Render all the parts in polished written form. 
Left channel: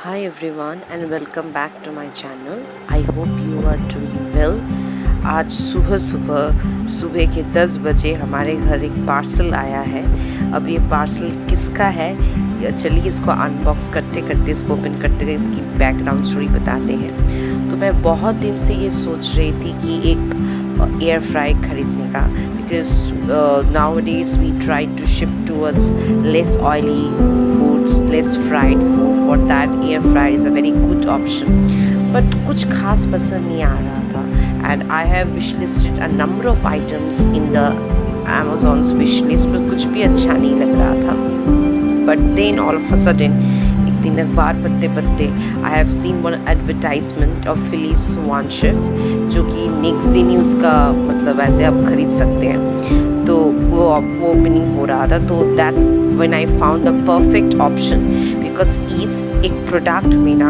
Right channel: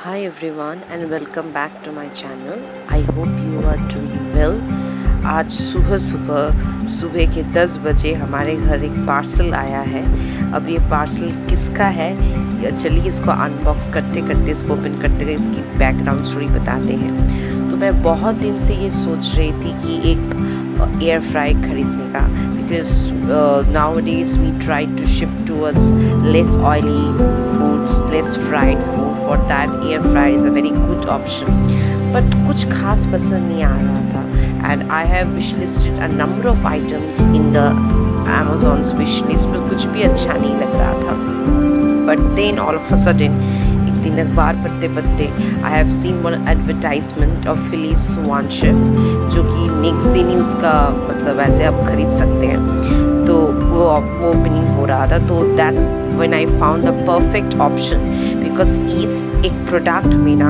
Hi everyone and welcome back to my channel. I hope you are doing well. आज सुबह सुबह सुबह के 10 बजे हमारे घर एक पार्सल आया है। अब ये पार्सल किसका है या चलिए इसको अनबॉक्स करते करते इसको ओपन करते करते इसकी बैकग्राउंड स्टोरी बताते हैं। तो मैं बहुत दिन से ये सोच रही थी कि एक एयर फ्राई खरीदने का, because nowadays we try to shift towards less oily foods, less fried food. For that air fryer is a very good option. But कुछ खास पसंद नहीं आ रहा था, and I have wishlisted a number of items in the Amazon's wishlist, पर कुछ भी अच्छा नहीं लग रहा था. But then all of a sudden एक दिन अखबार पढ़ते पढ़ते I have seen one advertisement of Philips One Chef, जो कि नेक्स्ट दिन ही उसका मतलब ऐसे आप खरीद सकते हैं, तो वो ओपनिंग हो रहा था. तो that's when I found the perfect option, because एक प्रोडक्ट में ना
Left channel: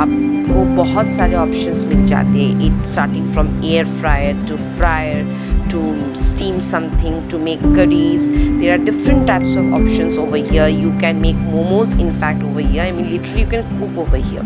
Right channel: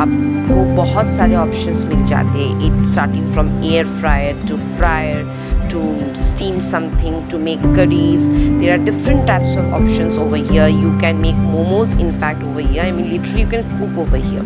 आपको बहुत सारे ऑप्शंस मिल जाते हैं. It starting from air fryer to steam something, to make curries. There are different types of options over here. You can make momos in fact over here. I mean literally you can cook over here.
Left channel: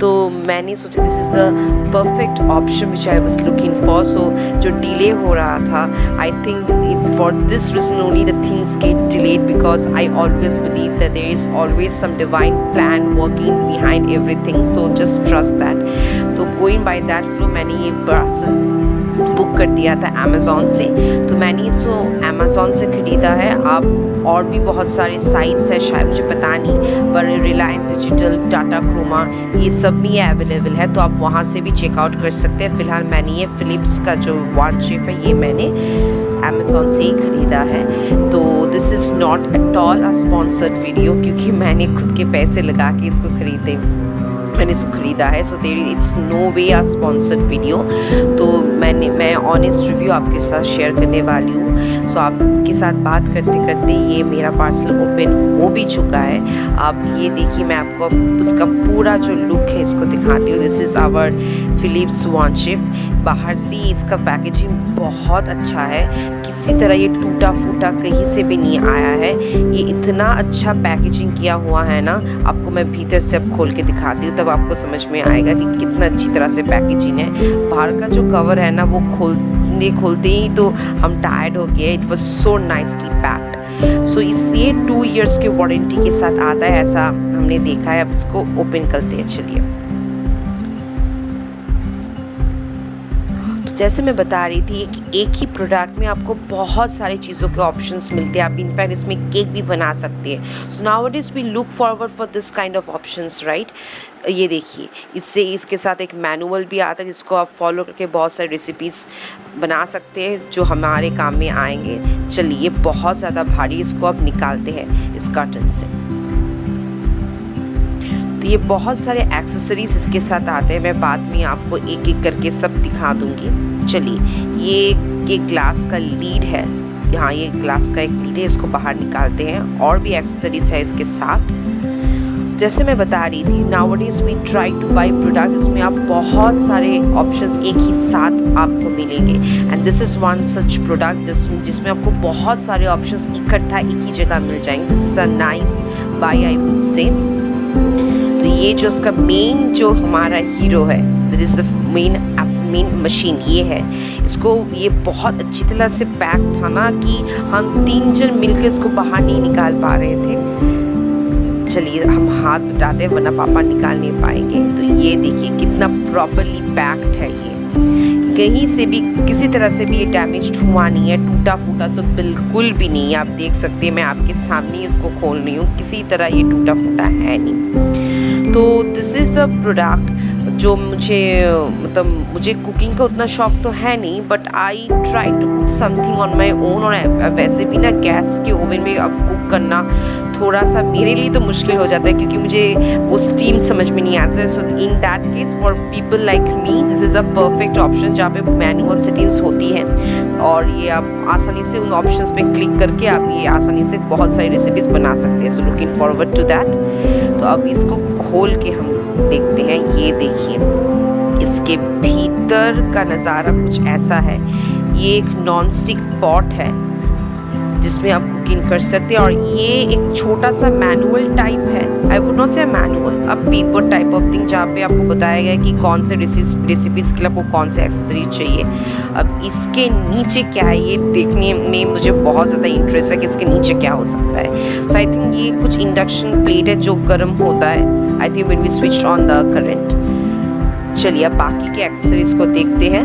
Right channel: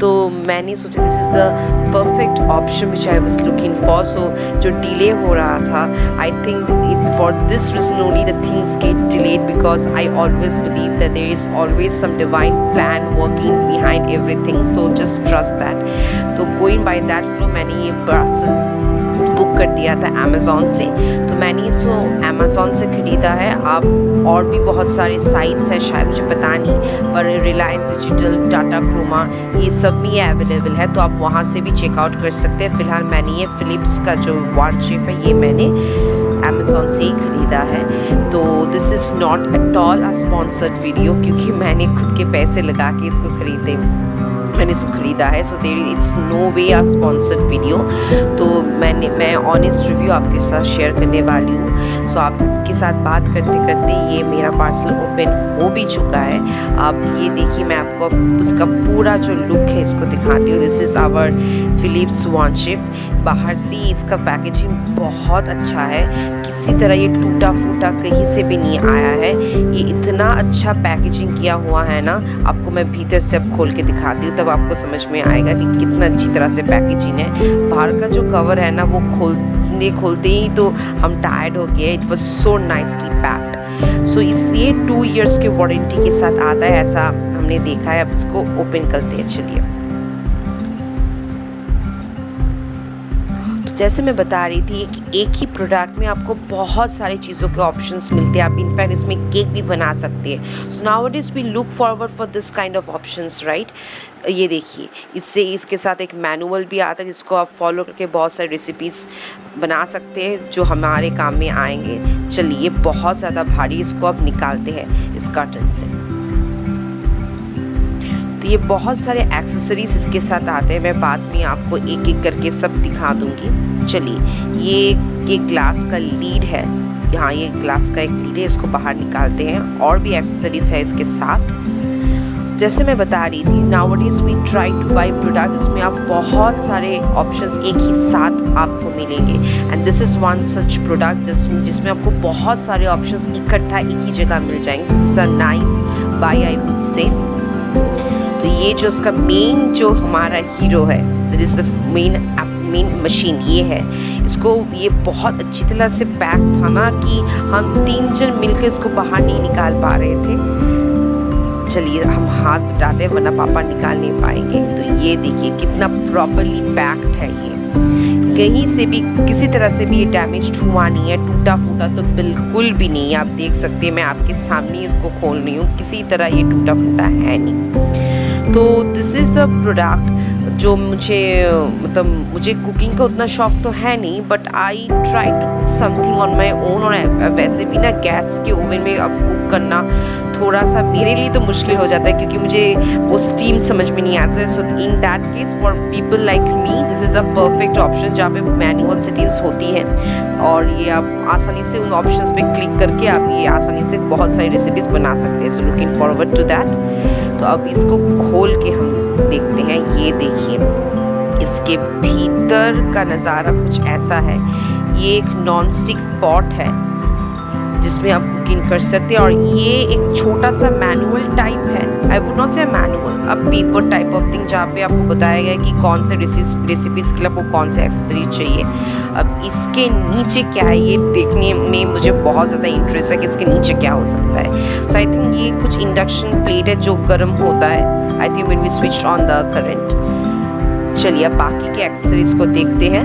तो मैंने सोचा this is the perfect option which I was looking for. So जो delay हो रहा था, I think it for this reason only the things get delayed, because I always believe that there is always some divine plan working behind everything. So just trust that. तो going by that flow मैंने ये parcel book कर दिया था Amazon से. तो मैंने इसको अमेज़ॉन से ख़रीदा है. आप और भी बहुत सारे साइट्स है, शायद मुझे पता नहीं, पर रिलायंस डिजिटल, टाटा क्रोमा, ये सब में ये अवेलेबल है, तो आप वहाँ से भी चेकआउट कर सकते हैं. फ़िलहाल मैंने ये फ़िलिप्स का जो वन शेफ है ये मैंने अमेज़ॉन से ही ख़रीदा है. तो this is not at all a sponsored video, क्योंकि मैंने खुद के पैसे लगा के इसको मैंने इसको ख़रीदा है. So there it's no way a sponsored video. तो मैं ऑनेस्ट रिव्यू आपके साथ शेयर करने वाली हूँ. सो आपके साथ बात करते करते ये मेरा पार्सल ओपन हो भी चुका है. आप ये देखिए, मैं आपको उसका पूरा जो लुक है इसको दिखाती हूँ. This is our Philips One Chef. बाहर से इसका पैकेजिंग बहुत अच्छा है, किसी तरह ये टूटा फूटा कहीं से भी नहीं आया है. ये इतना अच्छा पैकेजिंग किया हुआ है ना, आपको मैं भीतर से अब खोल के दिखाती हूँ, तब आपको समझ में आएगा कि कितना अच्छी तरह से पैकेजिंग है. बाहर का जो कवर है ना, वो खोलते ही तो हम टायर्ड हो गए. It was so nicely packed. So ये 2 years की वारंटी के साथ आता है, ऐसा हमने देखा है. अब इसको ओपन करते हैं. चलिए, जैसे मैं बता रही थी कि एक ही प्रोडक्ट में आपको बहुत सारी चीज़ों के ऑप्शंस मिलते हैं. आप इनफैक्ट इसमें केक भी बना सकते हैं. So nowadays we look forward for this kind of options, right. ये देखिए, इसके साथ एक मैनुअल भी आता है, जिसको आप फॉलो करके बहुत सारी रेसिपीज़ बना सकते हैं जो हमारे काम में आएंगे. चलिए, बहुत ज़्यादा भारी, इसको अब निकालते हैं इस कार्टन से. तो ये बहुत सारे एक्सेसरीज इसके साथ आते हैं. मैं बाद में आपको एक एक करके सब दिखा दूंगी. चलिए, ये ग्लास का लीड है. यहाँ ये ग्लास का एक लीड है, इसको बाहर निकालते हैं. और भी एक्सेसरीज है इसके साथ. जैसे मैं बता रही थी, nowadays we try to buy product जिसमें आप बहुत सारे ऑप्शंस एक ही साथ आपको मिलेंगे. And this is one such product जिसमें आपको बहुत सारे ऑप्शंस इकट्ठा एक ही जगह मिल जाएंगे. This is a nice buy, I would say. तो ये जो उसका मेन जो हमारा हीरो है, that is the main machine, ये है. इसको ये बहुत अच्छी तरह से पैक था ना कि हम 3 जन मिलकर इसको बाहर नहीं निकाल पा रहे थे. चलिए, हम हाथ बटाते हैं वरना पापा निकाल नहीं पाएंगे. तो ये देखिए कितना प्रॉपरली पैक्ड है. ये कहीं से भी किसी तरह से भी ये डैमेज हुआ नहीं है, टूटा फूटा तो बिल्कुल भी नहीं. आप देख सकते हैं, मैं आपके सामने इसको खोल रही हूँ, किसी तरह ये टूटा फूटा है नहीं. तो दिस इज़ द प्रोडक्ट जो मुझे कुकिंग का उतना शौक तो है नहीं, but I try to cook something on my own. और वैसे भी ना गैस के ओवन में अब कुक करना थोड़ा सा मेरे लिए तो मुश्किल हो जाता है, क्योंकि मुझे वो स्टीम समझ में नहीं आता है. So in that case for people like me this is a perfect option, जहाँ पे मैनुअल सेटिंग्स होती हैं और ये आप आसानी से उन ऑप्शंस पे क्लिक करके आप ये आसानी से बहुत सारी रेसिपीज़ बना सकते हैं. So looking forward to that. तो अब इसको खोल के हम देखते हैं. ये देखिए, इसके भीतर का नज़ारा कुछ ऐसा है. ये एक नॉन स्टिक पॉट है जिसमें आप कुकिंग कर सकते हैं। और ये एक छोटा सा मैनुअल टाइप है, आई वुड नॉट से मैनुअल, अब पेपर टाइप ऑफ थिंग, जहाँ पे आपको बताया गया है कि कौन से रेसिपीज के लिए आपको कौन से एक्सेसरीज चाहिए। अब इसके नीचे क्या है ये देखने में मुझे बहुत ज़्यादा इंटरेस्ट है कि इसके नीचे क्या हो सकता है। सो आई थिंक ये कुछ इंडक्शन प्लेट है जो गर्म होता है, I think when we switch on the current. चलिए अब बाकी के एक्सेसरीज को देखते हैं।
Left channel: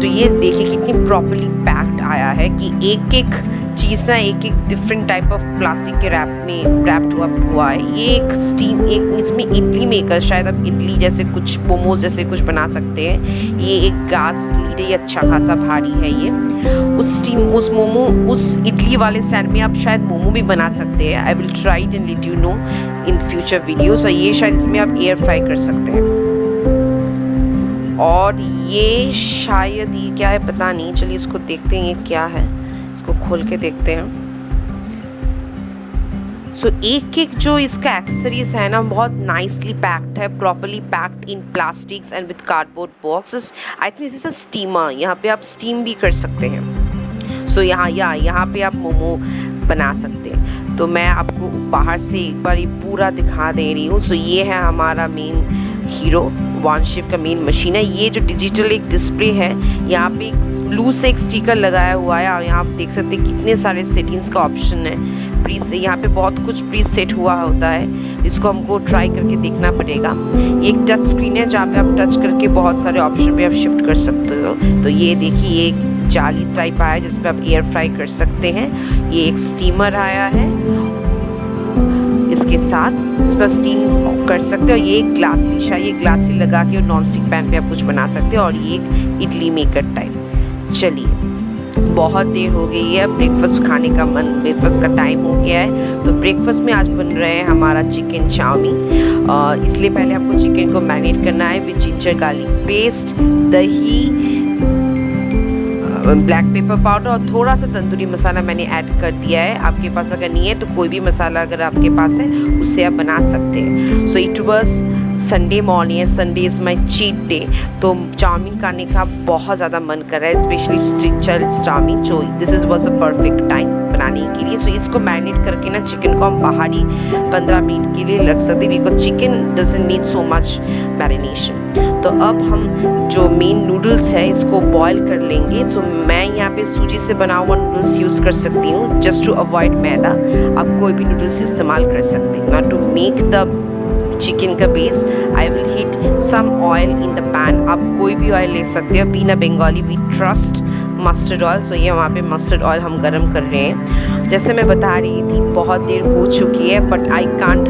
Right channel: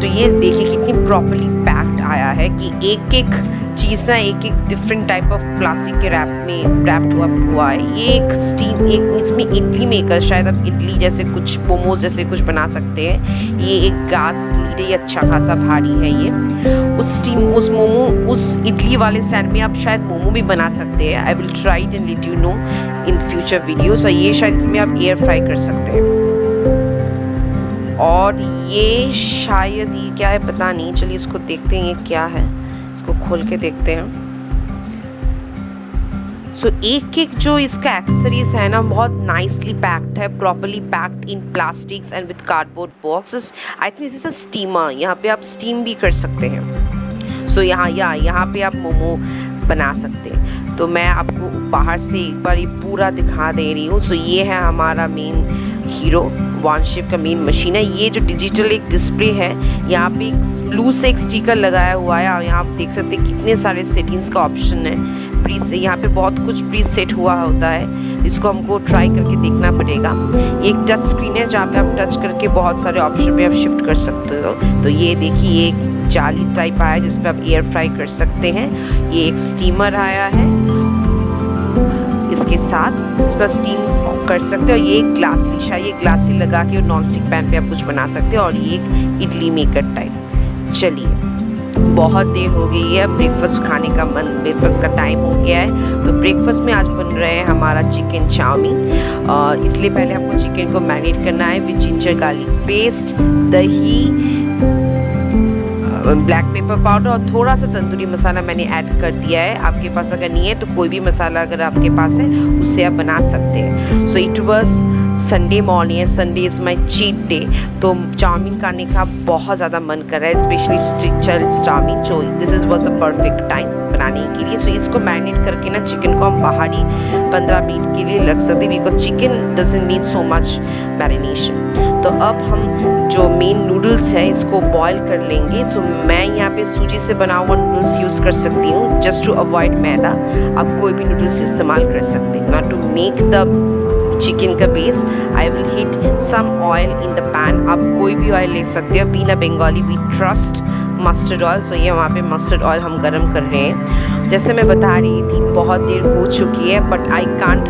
तो ये देखिए कितनी प्रॉपर्ली पैक्ड आया है कि एक एक चीज़ ना एक एक डिफरेंट टाइप ऑफ प्लास्टिक के रैप्ड हुआ है। ये एक स्टीम, एक इसमें इडली मेकर, शायद आप इडली जैसे कुछ मोमोज जैसे कुछ बना सकते हैं। ये एक गैस लीड है, ये अच्छा खासा भारी है। ये उस इडली वाले स्टैंड में आप शायद मोमो भी बना सकते हैं। I will try it and let you know in future videos. और ये शायद इसमें आप एयर फ्राई कर सकते हैं। और ये शायद ये क्या है पता नहीं, चलिए इसको देखते हैं ये क्या है, इसको खोल के देखते हैं। सो एक एक जो इसका एक्सेसरीज है ना बहुत नाइसली पैक्ड है, properly packed in plastics and with cardboard boxes. I think this is a steamer, यहाँ पे आप स्टीम भी कर सकते हैं। सो यहाँ पे आप मोमो बना सकते हैं। तो मैं आपको बाहर से एक बार ये पूरा दिखा दे रही हूँ। सो ये है हमारा मेन हीरो वानशिफ का मेन मशीन है। ये जो डिजिटल एक डिस्प्ले है, यहाँ पे एक ब्लू से एक स्टिकर लगाया हुआ है और यहाँ आप देख सकते हैं कितने सारे सेटिंग्स का ऑप्शन है। प्री से यहाँ पे बहुत कुछ प्री सेट हुआ होता है, इसको हमको ट्राई करके देखना पड़ेगा। ये एक टच स्क्रीन है जहाँ पे आप टच करके बहुत सारे ऑप्शन पे आप शिफ्ट कर सकते हो। तो ये देखिए एक जाली टाइप आया है जिसपे आप एयर फ्राई कर सकते हैं। ये एक स्टीमर आया है इसके साथ, इस पर स्टीम कर सकते हो। ये एक ग्लास लीशा, ये ग्लासी लगा के और नॉन स्टिक पैन पे आप कुछ बना सकते हो। और ये एक इडली मेकर टाइप। चलिए बहुत देर हो गई है, ब्रेकफास्ट का टाइम हो गया है। तो ब्रेकफास्ट में आज बन रहे हैं हमारा चिकन चाउमीन। इसलिए पहले हमको चिकन को मैरिनेट करना है विद जिंजर गार्लिक पेस्ट, दही, ब्लैक पेपर पाउडर और थोड़ा सा तंदूरी मसाला मैंने ऐड कर दिया है। आपके पास अगर नहीं है तो कोई भी मसाला अगर आपके पास है उससे आप बना सकते हैं। So it was Sunday morning, Sunday is my cheat day. तो चाउमीन खाने का बहुत ज़्यादा मन कर रहा है, स्पेशली चाउमीन। जो this was the perfect time बनाने के लिए। सो इसको मैरिनेट करके ना चिकन को हम बाहर ही 15 मिनट के लिए रख सकते हैं, because chicken doesn't need so much marination. तो अब हम जो मेन नूडल्स है इसको बॉईल कर लेंगे। तो मैं यहाँ पे सूजी से बना हुआ नूडल्स यूज़ कर सकती हूँ जस्ट टू अवॉइड मैदा। आप कोई भी नूडल्स इस्तेमाल कर सकते हैं। Now to make the chicken का base I will heat some oil in the pan. आप कोई भी ऑयल ले सकते हैं, being a Bengali we trust mustard oil. So ये वहाँ पे मस्टर्ड ऑयल हम गरम कर रहे हैं। जैसे मैं बता रही थी बहुत देर हो चुकी है, but I can't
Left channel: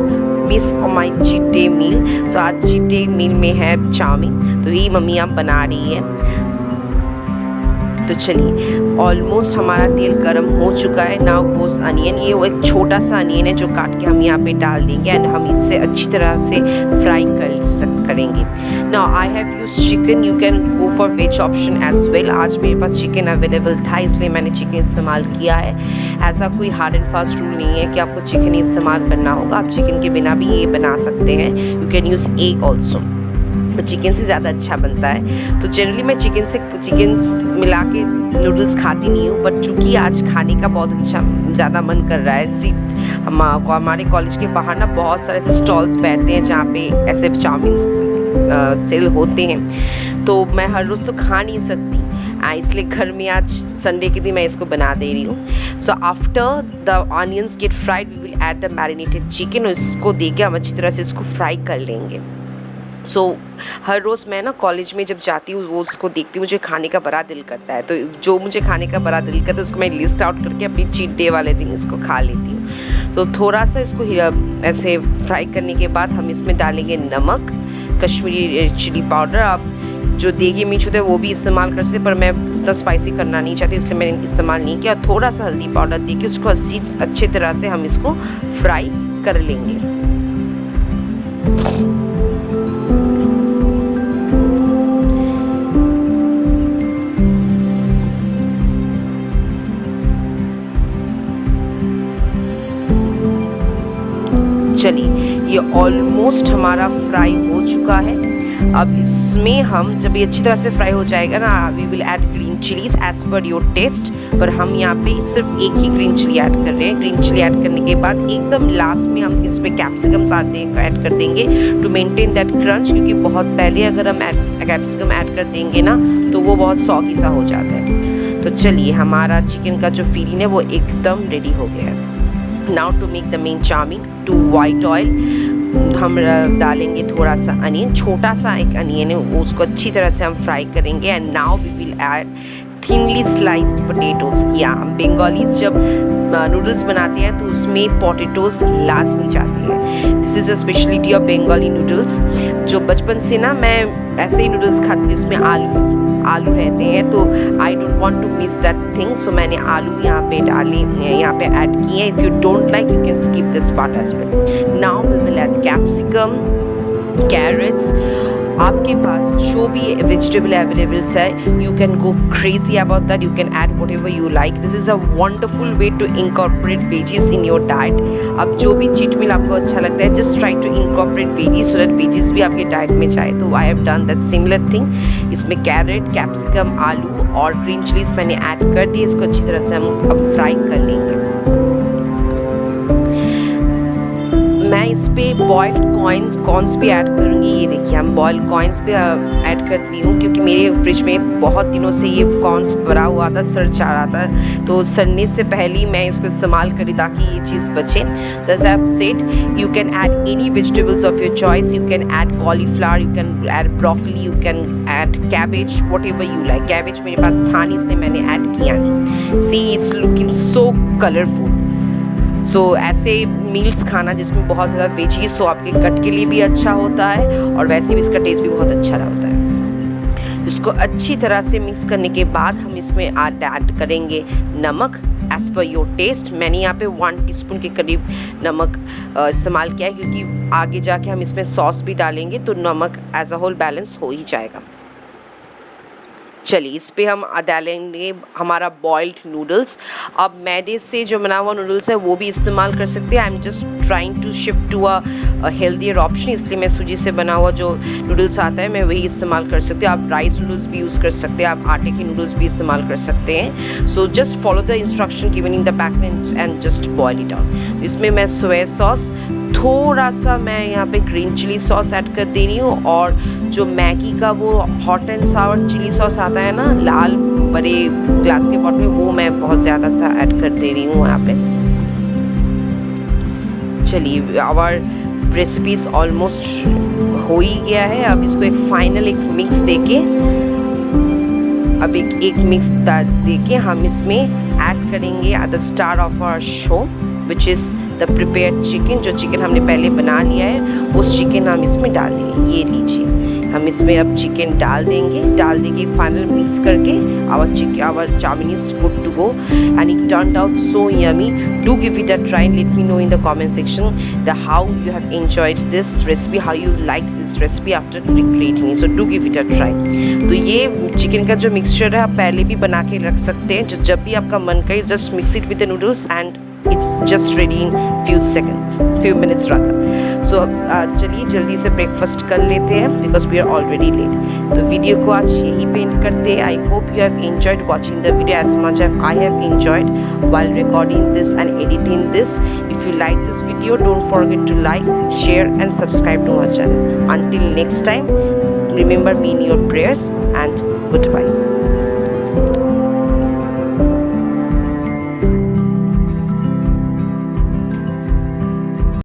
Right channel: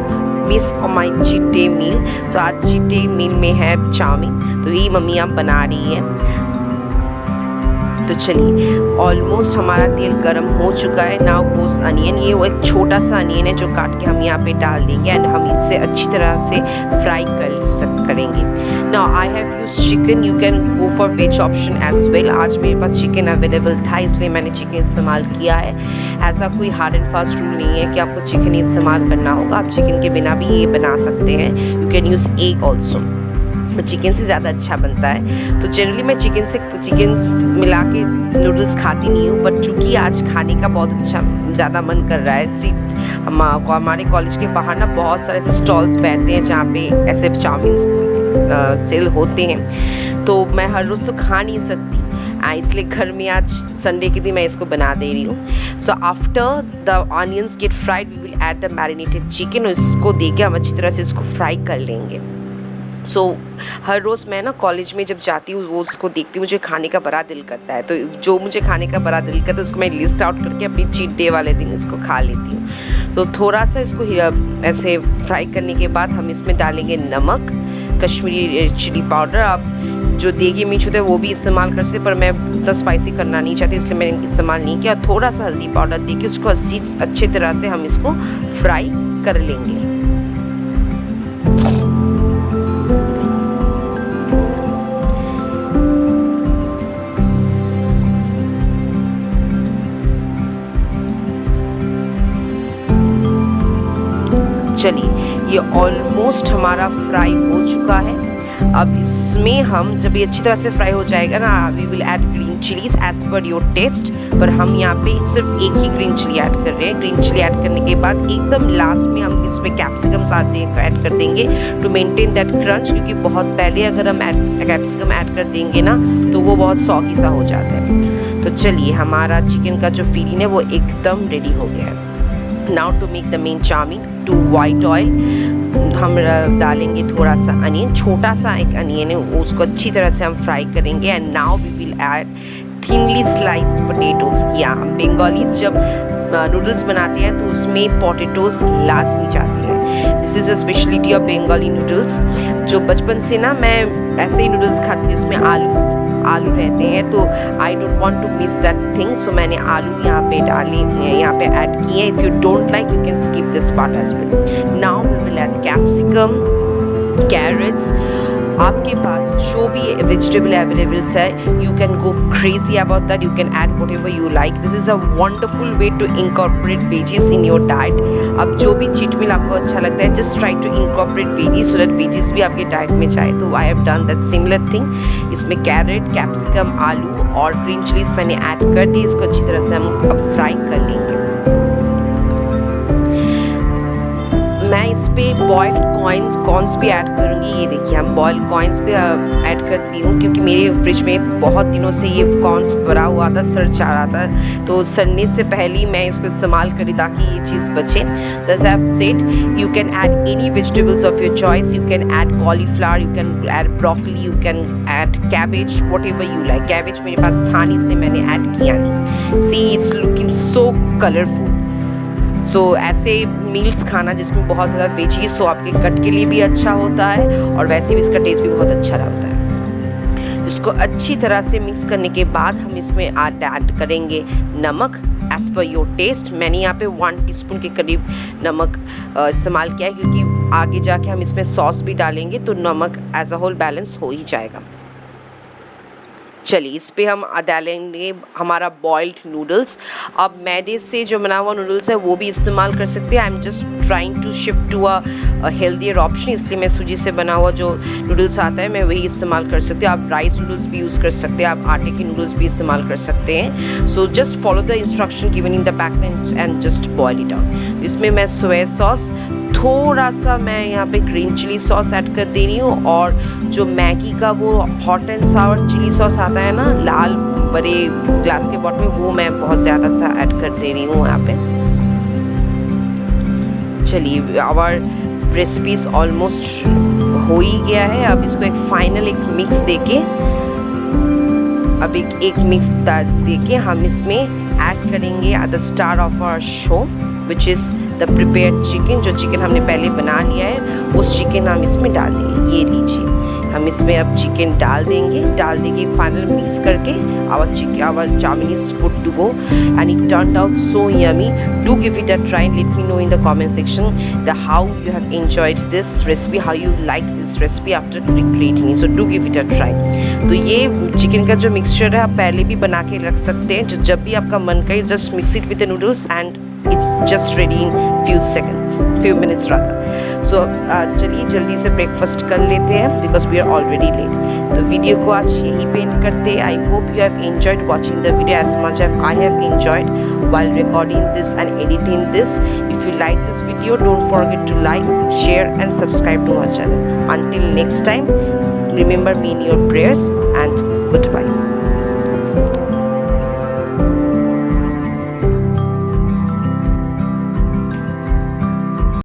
miss my cheat day meal. So आज चीट डे मील में है चाउमीन, तो यही मम्मी आप बना रही है। तो चलिए ऑलमोस्ट हमारा तेल गर्म हो चुका है। नाउ गोस अनियन, ये वो एक छोटा सा अनियन है जो काट के हम यहाँ पे डाल देंगे एंड हम इससे अच्छी तरह से फ्राई करेंगे। Now I have use chicken, you can go for veg option as well. आज मेरे पास चिकन अवेलेबल था इसलिए मैंने चिकन इस्तेमाल किया है। ऐसा कोई हार्ड एंड फास्ट रूल नहीं है कि आपको चिकन ही इस्तेमाल करना होगा, आप चिकन के बिना भी ये बना सकते हैं। You can use egg also, chicken से ज़्यादा अच्छा बनता है। तो जनरली मैं चिकन मिला के नूडल्स खाती नहीं हूँ, बट चूँकि आज खाने का बहुत अच्छा ज़्यादा मन कर रहा है। हमारे कॉलेज के बाहर ना बहुत सारे ऐसे स्टॉल्स बैठते हैं जहाँ पे ऐसे चाउमीन सेल होते हैं। तो मैं हर रोज़ तो खा नहीं सकती, इसलिए घर में आज संडे के दिन मैं इसको बना दे रही हूँ। So after the onions get fried we will add the marinated chicken. और इसको दे के हम अच्छी तरह से इसको फ्राई कर लेंगे। सो हर रोज़ मैं ना कॉलेज में जब जाती हूँ वो उसको देखती हूँ, मुझे खाने का बड़ा दिल करता है। तो जो मुझे खाने का बड़ा दिल करता है उसको मैं लिस्ट आउट करके अपनी चीट डे वाले दिन इसको खा लेती हूँ। तो थोड़ा सा इसको ऐसे फ्राई करने के बाद हम इसमें डालेंगे नमक, कश्मीरी चिली पाउडर। आप जो देगी मिर्च होता है वो भी इस्तेमाल कर सकते, पर मैं उतना स्पाइसी करना नहीं चाहती इसलिए मैंने इस्तेमाल नहीं किया। थोड़ा सा हल्दी पाउडर देके उसको अच्छी तरह से हम इसको फ्राई कर लेंगे। चलिए ये ऑलमोस्ट हमारा फ्राई हो चुका है। अब इसमें हम जब ये अच्छी तरह से फ्राई हो जाएगा ना, we will add green chillies as per your taste. पर हम यहाँ पे सिर्फ एक ही ग्रीन चिली ऐड कर रहे हैं। ग्रीन चिली ऐड करने के बाद एकदम लास्ट में हम इसमें कैप्सिकम्स ऐड कर देंगे टू मेंटेन दैट क्रंच, क्योंकि बहुत पहले अगर हम कैप्सिकम ऐड कर देंगे ना तो वो बहुत सॉगी सा हो जाता है। तो चलिए, हमारा चिकन का जो फिलिंग है वो एकदम रेडी हो गया है। Now to make the main charming, to white oil हम डालेंगे थोड़ा सा अनियन, छोटा सा एक अनियन है, उसको अच्छी तरह से हम फ्राई करेंगे। And now we will add thinly sliced potatoes. या हम बंगालीज जब नूडल्स बनाते हैं तो उसमें पोटैटोज लाजमी जाते हैं। This is a speciality of Bengali noodles. जो बचपन से ना मैं ऐसे ही नूडल्स खाती हूँ जिसमें आलू रहते हैं, तो I don't want to miss that thing. So मैंने आलू यहाँ पे ऐड किए हैं। If you don't like you can skip this part as well. Now we will add capsicum, carrots. आपके पास जो भी वेजिटेबल अवेलेबल्स है, you can go crazy about that, you can add whatever you like. This is a wonderful way to incorporate veggies in your diet. अब जो भी cheat meal आपको अच्छा लगता है, just try to incorporate veggies so that veggies भी आपके diet में जाए। तो I have done that similar thing. इसमें कैरेट, कैप्सिकम, आलू और ग्रीन चिलीज मैंने ऐड कर दी। इसको अच्छी तरह से हम अब फ्राई कर लेंगे। मैं इस पे बॉइल्ड कॉर्न्स भी ऐड करूँगी। ये देखिए, हम बॉइल्ड कॉर्न्स भी ऐड करती हूँ, क्योंकि मेरे फ्रिज में बहुत दिनों से ये कॉर्न्स भरा हुआ था, सड़ जा रहा था, तो सड़ने से पहले ही मैं इसको इस्तेमाल करी ताकि ये चीज़ बचे। So as I have said, you can add any vegetables of your choice. You can add cauliflower, you can add broccoli, you can add cabbage, whatever you like. Cabbage मेरे पास था नहीं, इसलिए मैंने ऐड किया नहीं। See, it's looking so colourful. So ऐसे meals खाना जिसमें बहुत ज़्यादा वेजीज, सो आपके गट के लिए भी अच्छा होता है और वैसे भी इसका टेस्ट भी बहुत अच्छा होता है। इसको अच्छी तरह से मिक्स करने के बाद हम इसमें ऐड करेंगे नमक एज पर योर टेस्ट। मैंने यहाँ पे 1 टीस्पून के करीब नमक इस्तेमाल किया है, क्योंकि आगे जाके हम इसमें सॉस भी डालेंगे तो नमक एज अ होल बैलेंस हो ही जाएगा। चलिए, इस पे हम डालेंगे हमारा बॉइल्ड नूडल्स। अब मैदे से जो बना हुआ नूडल्स है वो भी इस्तेमाल कर सकते हैं। I am just trying to shift to a healthier option, इसलिए मैं सूजी से बना हुआ जो नूडल्स आता है मैं वही इस्तेमाल कर सकती हूँ। आप राइस नूडल्स भी यूज़ कर सकते हैं, आप आटे के नूडल्स भी इस्तेमाल कर सकते हैं। So just follow the instruction given in the packet and just boil it out. इसमें मैं सोया सॉस, थोड़ा सा मैं यहाँ पे ग्रीन चिली सॉस ऐड कर दे रही हूँ, और जो मैगी का वो hot and sour chilli sauce आता है ना लाल बड़े ग्लास के बॉटल में, वो मैं बहुत ज़्यादा सा ऐड कर दे रही हूँ यहाँ पे। चलिए, आवर रेसिपीज ऑलमोस्ट हो ही गया है। अब इसको एक फाइनल एक मिक्स देके हम इसमें ऐड करेंगे at the star of our show, which is the prepared chicken. जो चिकन हमने पहले बना लिया है उस चिकन हम इसमें डाल देंगे। ये लीजिए, हम इसमें अब चिकन डाल देंगे फाइनल मिक्स करके our chow mein is good to go and it turned out so yummy. Do give it a try, let me know in the comment section the how you have enjoyed this recipe, how you like this recipe after creating it. So do give it a try. तो ये chicken का जो mixture है आप पहले भी बना के रख सकते हैं, जब भी आपका मन करे just mix it with the noodles and it's just ready in few minutes rather. So चलिए जल्दी से ब्रेकफास्ट कर लेते हैं because we are already late. तो वीडियो को आज यही पे एंड करते हैं। I hope you have enjoyed watching the video as much as I have enjoyed while recording this and editing this. If you like this video, don't forget to like, share and subscribe to my channel. Until next time, remember me in your prayers and goodbye.